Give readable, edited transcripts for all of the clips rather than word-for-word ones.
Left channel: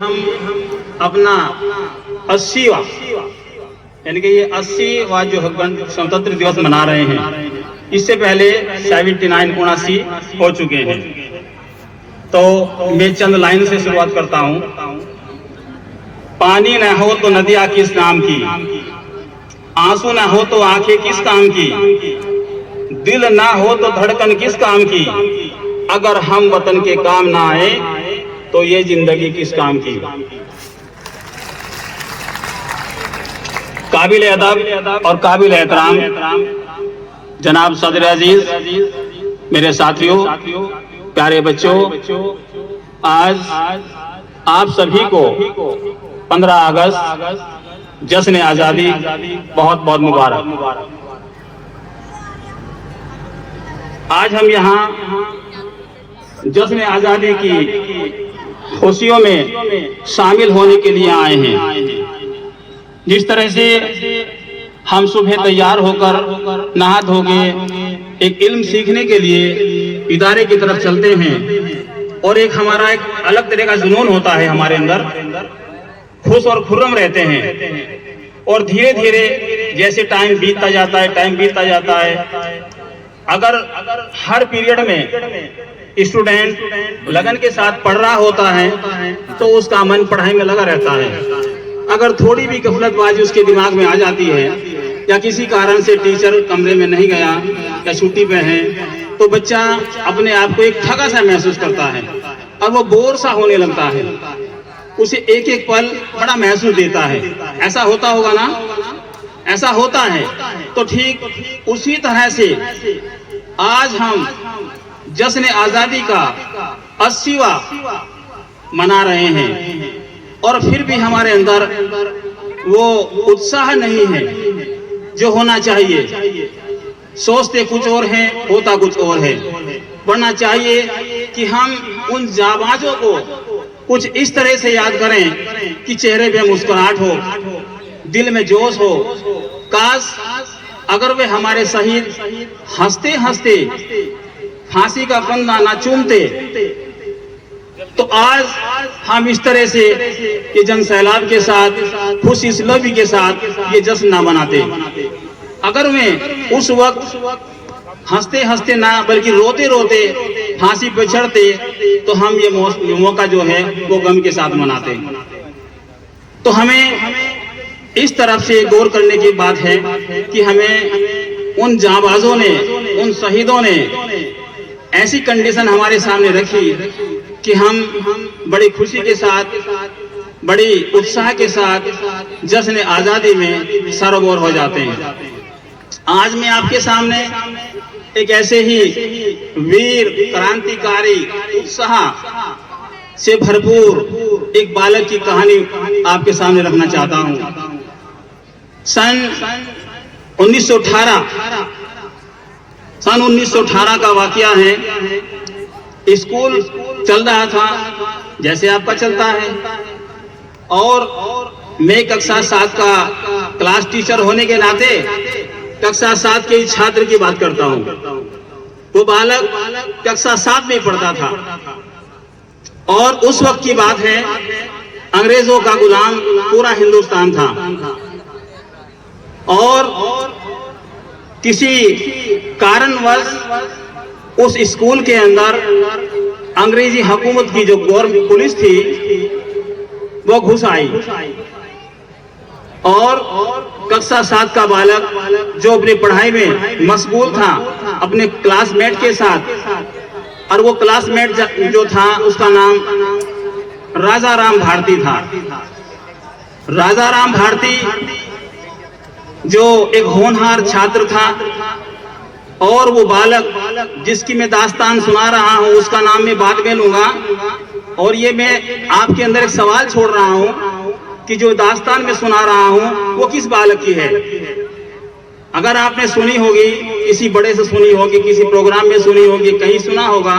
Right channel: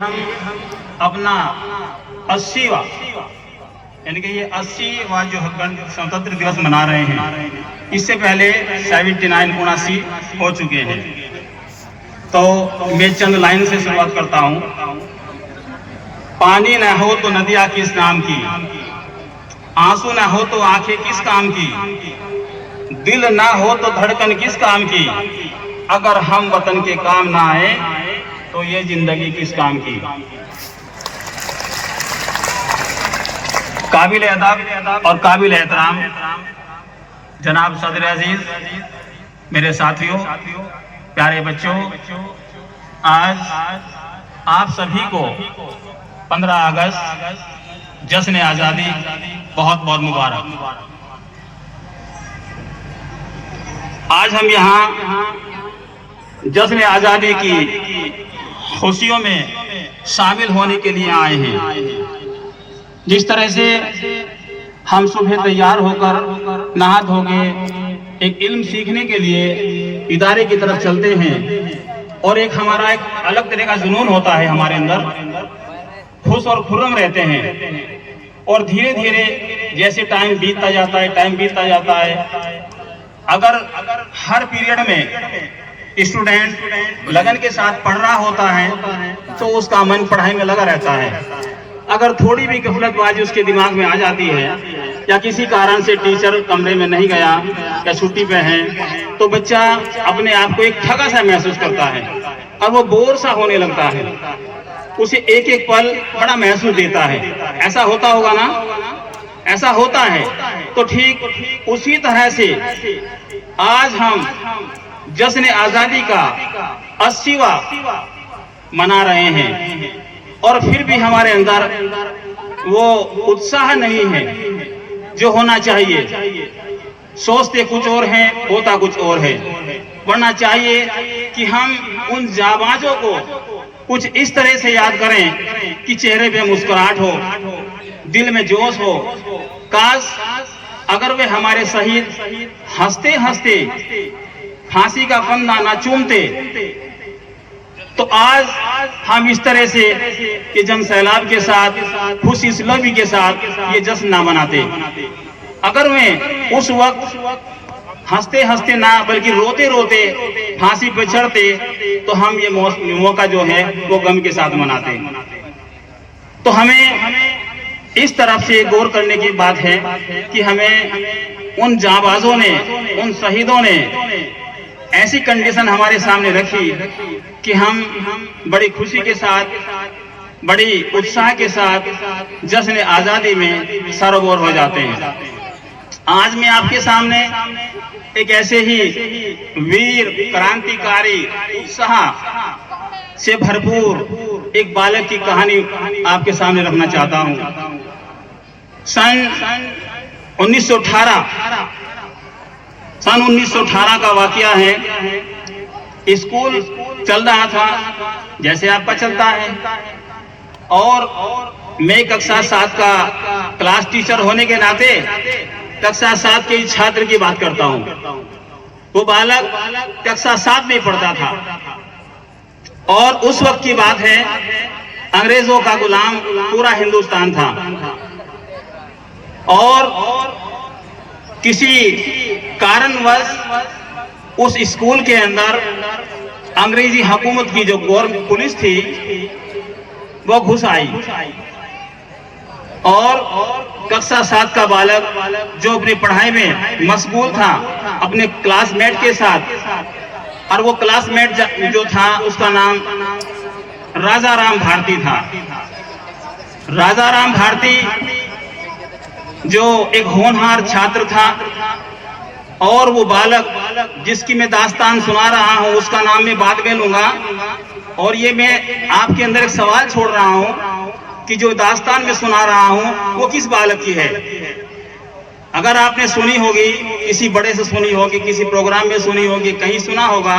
हम अपना 80वां यानी कि ये 80वां जो स्वतंत्र दिवस मना रहे हैं। इससे पहले 79 हो चुके हैं। तो मैं चंद लाइन से शुरुआत करता हूँ। पानी न हो तो नदियाँ किस काम की, आंसू न हो तो आंखें किस काम की, दिल ना हो तो धड़कन किस काम की, अगर हम वतन के काम ना आए तो ये जिंदगी किस काम की। काबिल अदब और काबिल एहतराम जनाब सदर अजीज, मेरे साथियों, प्यारे बच्चों, आज आप सभी को 15 अगस्त जश्न आज़ादी बहुत बहुत मुबारक। आज हम यहाँ जश्न आज़ादी की खुशियों में शामिल होने के लिए आए हैं। जिस तरह से हम सुबह तैयार होकर नहा धो के एक इल्म सीखने के लिए इदारे की तरफ चलते हैं और एक हमारा एक अलग तरह का जुनून होता है हमारे अंदर, खुश और खुर्रम रहते हैं। और धीरे धीरे जैसे टाइम बीतता जाता है, अगर हर पीरियड में स्टूडेंट लगन के साथ पढ़ रहा होता है तो उसका मन पढ़ाई में लगा रहता है। अगर थोड़ी भी गफलतबाजी उसके दिमाग में आ जाती है या किसी कारण से टीचर कमरे में नहीं गया या छुट्टी पे है तो बच्चा अपने आप को एक थका सा महसूस करता है और वो बोर सा होने लगता है। उसे एक एक पल बड़ा महसूस देता है। ऐसा होता होगा ना? ऐसा होता है। तो ठीक उसी तरह से आज हम जश्न आज़ादी का 80वां मना रहे हैं और फिर भी हमारे अंदर वो उत्साह नहीं है जो होना चाहिए। सोचते कुछ और हैं, होता कुछ और है। वरना चाहिए कि हम उन जाबाजों को कुछ इस तरह से याद करें कि चेहरे पे मुस्कुराहट हो, दिल में जोश हो। काश अगर वे हमारे शहीद हंसते हंसते फांसी का फंदा ना चूमते तो आज हम इस तरह से ये जन सैलाब के साथ, खुश इसलबी के साथ ये जश्न ना मनाते। अगर वे उस वक्त हंसते हंसते ना बल्कि रोते रोते फांसी पे चढ़ते तो हम ये मौका जो है वो गम के साथ मनाते। तो हमें इस तरफ से गौर करने की बात है कि हमें उन जांबाजों ने, उन शहीदों ने ऐसी कंडीशन हमारे सामने रखी कि हम बड़ी खुशी के साथ, बड़ी उत्साह के साथ जश्न आज़ादी में सरोवर हो जाते हैं। आज मैं आपके सामने एक ऐसे ही वीर, क्रांतिकारी, उत्साह से भरपूर एक बालक की कहानी आपके सामने रखना चाहता हूँ। सन 1918 का वाकया है। स्कूल चल रहा था जैसे आपका चलता है और मैं कक्षा 7 का क्लास टीचर होने के नाते कक्षा 7 के छात्र की बात करता हूँ। वो बालक कक्षा 7 में पढ़ता था और उस वक्त की बात है, अंग्रेजों का गुलाम पूरा हिंदुस्तान था और किसी कारणवश उस स्कूल के अंदर अंग्रेजी हुकूमत की जो गवर्नमेंट पुलिस थी वो घुस आई और कक्षा 7 का बालक जो अपनी पढ़ाई में मशगूल था अपने क्लासमेट के साथ, और वो क्लासमेट जो था उसका नाम राजा राम भारती था। राजा राम भारती जो एक होनहार छात्र था और वो बालक जिसकी मैं दास्तान सुना रहा हूँ उसका नाम मैं बाद में लूंगा। और ये मैं आपके अंदर एक सवाल छोड़ रहा हूँ कि जो दास्तान मैं सुना रहा हूँ वो किस बालक की है। अगर आपने सुनी होगी, किसी बड़े से सुनी होगी, किसी प्रोग्राम में सुनी होगी, कहीं सुना होगा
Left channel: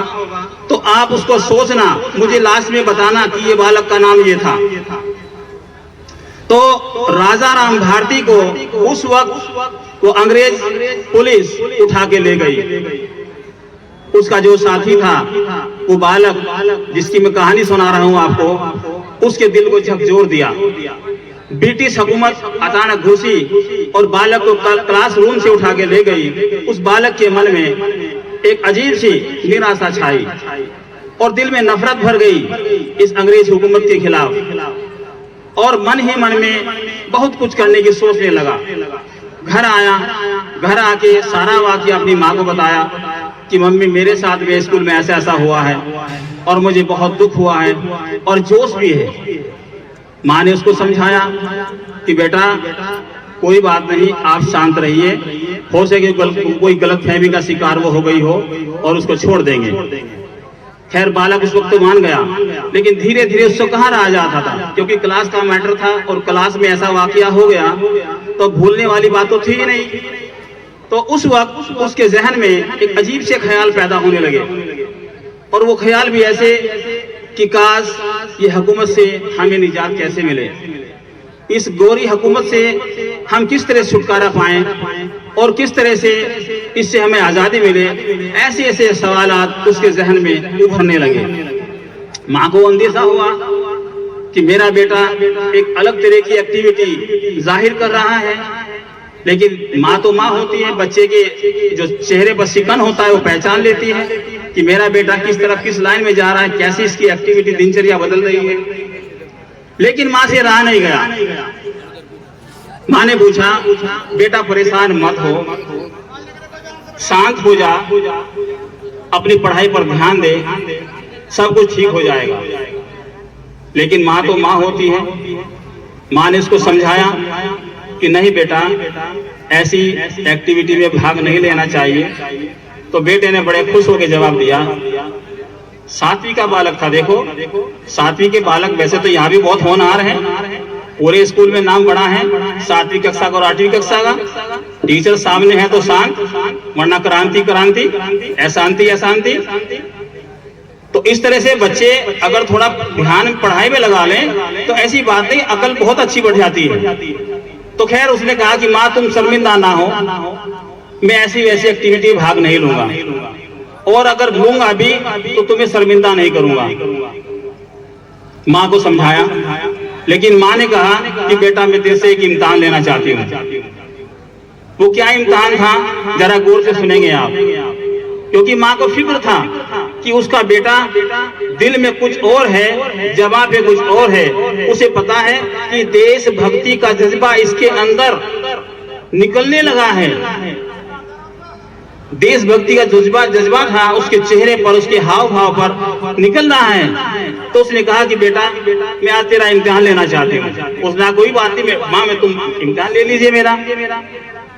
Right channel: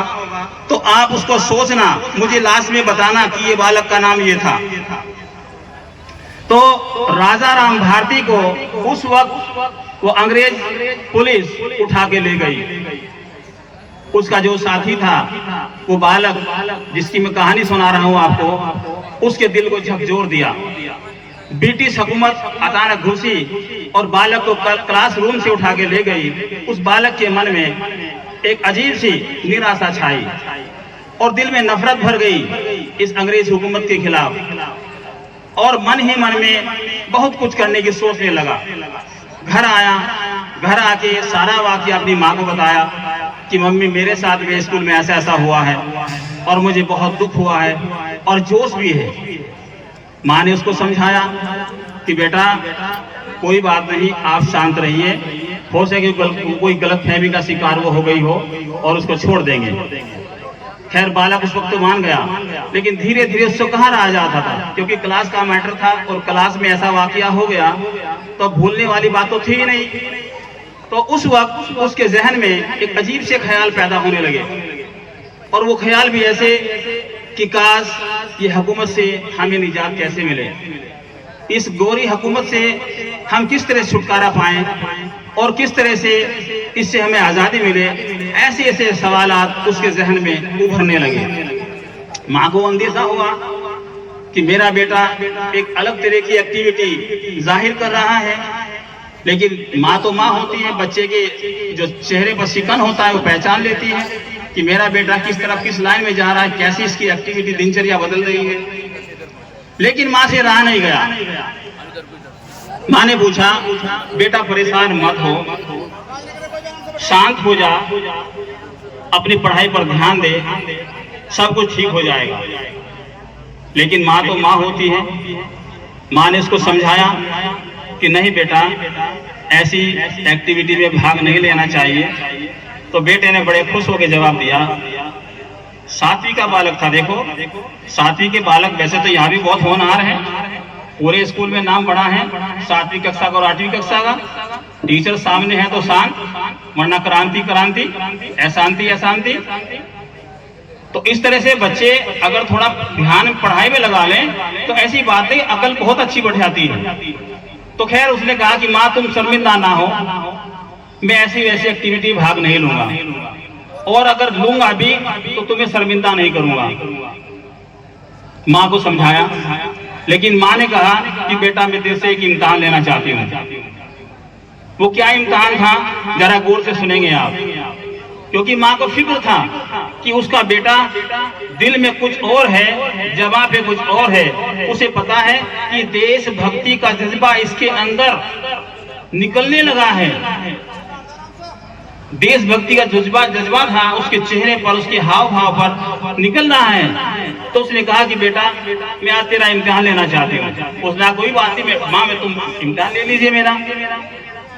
तो आप उसको सोचना, मुझे लास्ट में बताना कि ये बालक का नाम ये था। तो राजा राम भारती को उस वक्त वो अंग्रेज पुलिस उठा के ले गई। उसका जो साथी था वो बालक जिसकी मैं कहानी सुना रहा हूँ आपको, उसके दिल को झकझोर दिया। ब्रिटिश हुकूमत अचानक घुसी और बालक को क्लासरूम से उठा के ले गई। उस बालक के मन में एक अजीब सी निराशा छाई और दिल में नफरत भर गई इस अंग्रेज हुकूमत के खिलाफ, और मन ही मन में बहुत कुछ करने की सोचने लगा। घर आया, घर आके सारा वाकया अपनी माँ को बताया कि मम्मी मेरे साथ में स्कूल में ऐसा ऐसा हुआ है और मुझे बहुत दुख हुआ है और जोश भी है। माँ ने उसको समझाया कि बेटा कोई बात नहीं, आप शांत रहिए, हो सके कोई गलतफहमी का शिकार वो हो गई हो और उसको छोड़ देंगे। खैर बालक उस वक्त तो मान गया, लेकिन धीरे धीरे उसको कहाँ रहा जाता था, क्योंकि क्लास का मैटर था और क्लास में ऐसा वाकया हो गया तो भूलने वाली बात तो थी ही नहीं। तो उस वक्त उसके जहन में एक अजीब से ख्याल पैदा होने लगे, और वो ख्याल भी ऐसे कि काश ये हुकूमत से हमें निजात कैसे मिले, इस गोरी हुकूमत से हम किस तरह छुटकारा पाएं और किस तरह से इससे हमें आज़ादी मिले। ऐसे ऐसे सवालात उसके जहन में उभरने लगे। माँ को अंदेशा हुआ कि मेरा बेटा एक अलग तरह की एक्टिविटी जाहिर कर रहा है, लेकिन माँ तो माँ होती है, बच्चे के जो चेहरे पर शिकन होता है वो पहचान लेती है कि मेरा बेटा किस तरफ किस लाइन में जा रहा है, कैसी इसकी एक्टिविटी दिनचर्या बदल रही है। लेकिन माँ से रहा नहीं गया। माँ ने पूछा बेटा परेशान मत हो, शांत हो जा, अपनी पढ़ाई पर ध्यान दे, सब कुछ ठीक हो जाएगा। लेकिन माँ तो माँ होती है। माँ ने उसको समझाया कि नहीं बेटा, ऐसी एक्टिविटी में भाग नहीं लेना चाहिए। तो बेटे ने बड़े खुश होकर जवाब दिया। 7वीं का बालक था। देखो 7वीं के बालक वैसे तो यहाँ भी बहुत होनहार हैं, पूरे स्कूल में नाम बड़ा है 7वीं कक्षा का और 8वीं कक्षा का। टीचर सामने है तो शांत, वरना क्रांति क्रांति, अशांति अशांति। तो इस तरह से बच्चे अगर थोड़ा ध्यान पढ़ाई में लगा लें तो ऐसी बातें अकल बहुत अच्छी बढ़ जाती है। तो खैर उसने कहा कि माँ तुम शर्मिंदा ना हो, मैं ऐसी वैसी एक्टिविटी भाग नहीं लूंगा, और अगर लूंगा भी तो तुम्हें शर्मिंदा नहीं करूंगा। माँ को समझाया, लेकिन माँ ने कहा कि बेटा मैं तेरे से एक इम्तिहान लेना चाहती हूँ। वो क्या इम्तिहान था जरा गौर से सुनेंगे आप, क्योंकि माँ को फिक्र था कि उसका बेटा दिल में कुछ और है, जवाब पे कुछ और है। उसे पता है कि देशभक्ति का जज्बा इसके अंदर निकलने लगा है। देशभक्ति का जज्बा था उसके चेहरे पर, उसके हाव भाव पर निकल रहा है। तो उसने कहा कि बेटा मैं आज तेरा इम्तिहान लेना चाहती हूँ। उसने कोई बात नहीं माँ, मैं तुम इम्तिहान ले लीजिए मेरा।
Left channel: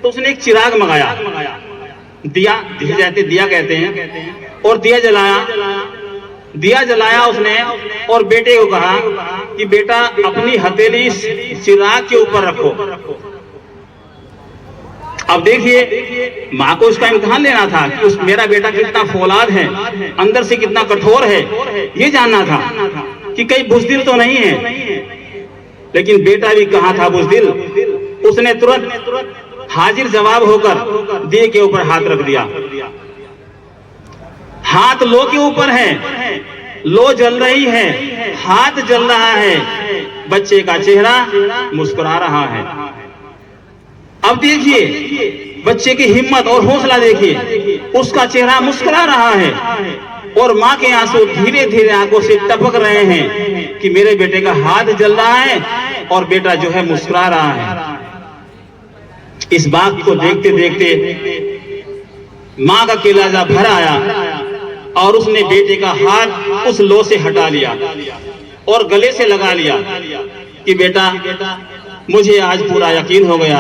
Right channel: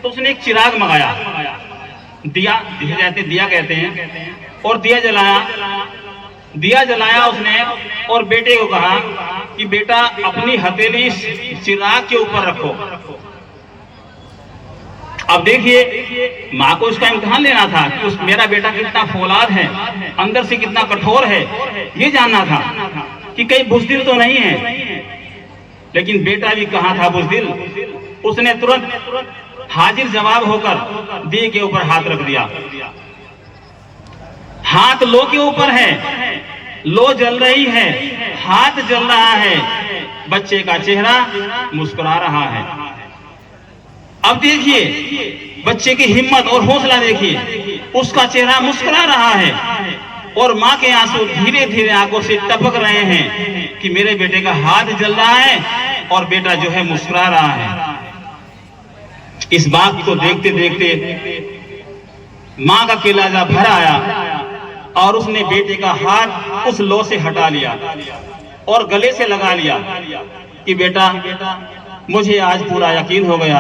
तो उसने एक चिराग मंगाया, दिया जिसे जाते दिया कहते हैं, और दिया जलाया उसने, और बेटे को कहा कि बेटा अपनी हथेली चिराग के ऊपर रखो। अब देखिए माँ को उसका इम्तिहान लेना था कि मेरा बेटा कितना फौलाद है, अंदर से कितना कठोर है, ये जानना था कि कहीं बुज़दिल तो नहीं है। लेकिन बेटा भी कहाँ था बुज़दिल। उसने तुरंत हाजिर जवाब होकर दिए के ऊपर हाथ रख दिया। हाथ लो के ऊपर है, लो जल रही है, हाथ जल रहा है, बच्चे का चेहरा मुस्कुरा रहा है। अब देखिए बच्चे की हिम्मत और हौसला देखिए, उसका चेहरा मुस्कुरा रहा है और माँ के आंसू धीरे धीरे आंखों से टपक रहे हैं कि मेरे बेटे का हाथ जल रहा है और बेटा जो है मुस्कुरा रहा है। इस बात को देखते देखते माँ का कलेजा भर आया और उसने बेटे का हाथ उस लो से हटा लिया और गले से लगा लिया कि बेटा मुझे आज पूरा यकीन हो गया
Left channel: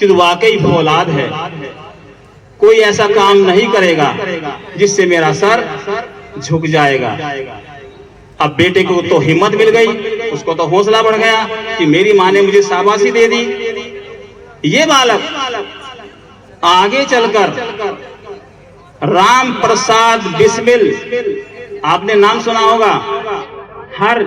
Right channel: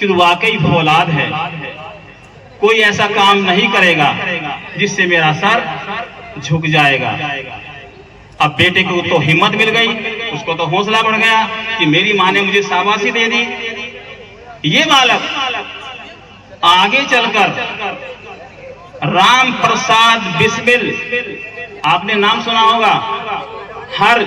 कि वाकई फौलाद है, कोई ऐसा काम नहीं करेगा जिससे मेरा सर झुक जाएगा। अब बेटे को तो हिम्मत मिल गई, उसको तो हौसला बढ़ गया कि मेरी माँ ने मुझे शाबाशी दे दी। ये बालक आगे चलकर राम प्रसाद बिस्मिल, आपने नाम सुना होगा, हर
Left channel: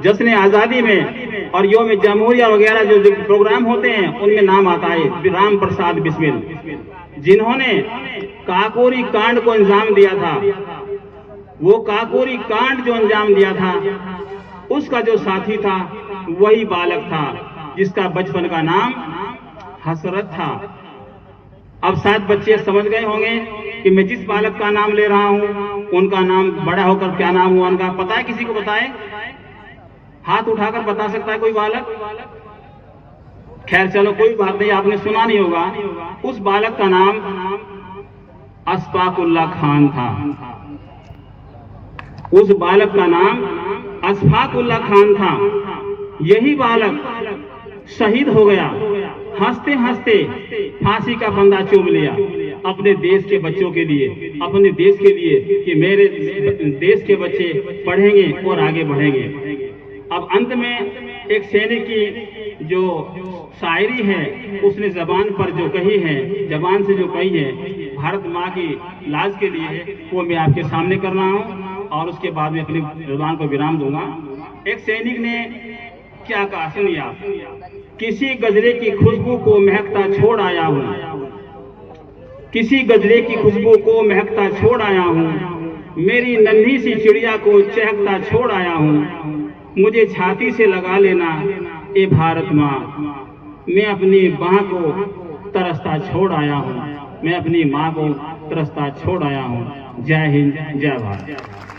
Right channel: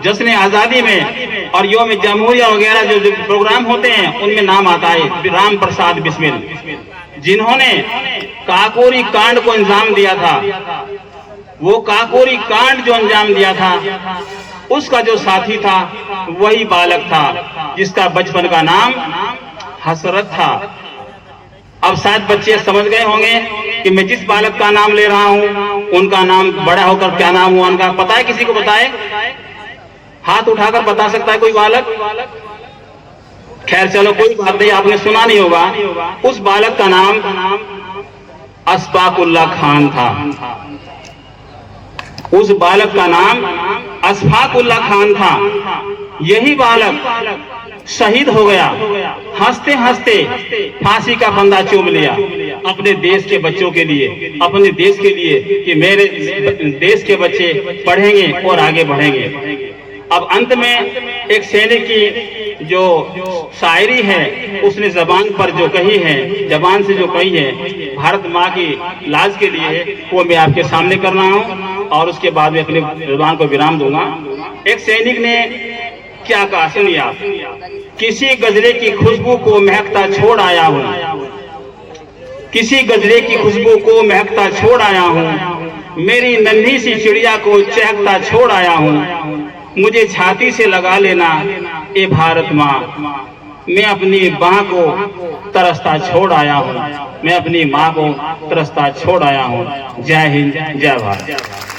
जश्न आजादी में और योम जमहूरिया वगैरह जो प्रोग्राम होते हैं उनमें नाम आता है राम प्रसाद बिस्मिल, जिन्होंने काकोरी कांड को अंजाम दिया था। वो काकोरी कांड जो अंजाम दिया था उसका जो साथी था वही बालक था जिसका बचपन का नाम हसरत था। अब शायद बच्चे समझ गए होंगे कि मैं जिस बालक का नाम ले रहा हूं उनका नाम बड़ा होकर क्या नाम हुआ उनका, पता है? किसी को बताए? हाथ उठाकर बता सकता है कोई बालक? खैर चलो कोई बात नहीं, आपने सुना नहीं होगा। उस बालक का नाम अशफाकुल्लाह खान था। उस बालक का नाम अशफाकुल्लाह खान था। यही बालक शहीद हो गया। हंसते हंसते फांसी का फंदा चूम लिया अपने देश के बच्चों के लिए, अपने देश के लिए कि मेरे देश के बच्चे पढ़ेंगे और आगे बढ़ेंगे। अब अंत में एक सैनिक की जो शायरी है उसने जबान पर जो कही है, जबान से जो कही है, भारत माँ की लाज के लिए, वो मैं आपके सामने कर रहा हूँ और उसके बाद में अपनी जुबान को विराम दूंगा। एक सैनिक ने क्या कहा सुनिए आप। किसी गजरे की खुशबू को महकता छोड़ आया हूँ, किसी गजरे की खुशबू को महकता छोड़ आया हूँ, मेरी नन्ही सी चिड़िया को चहकता छोड़ आया हूँ, मुझे छाती से लगा लेना ए भारत माँ, मैं अपनी माँ को तरसता छोड़ आया हूँ, मैं अपनी माँ को तरसता छोड़ आया हूँ। जय हिंद, जय भारत।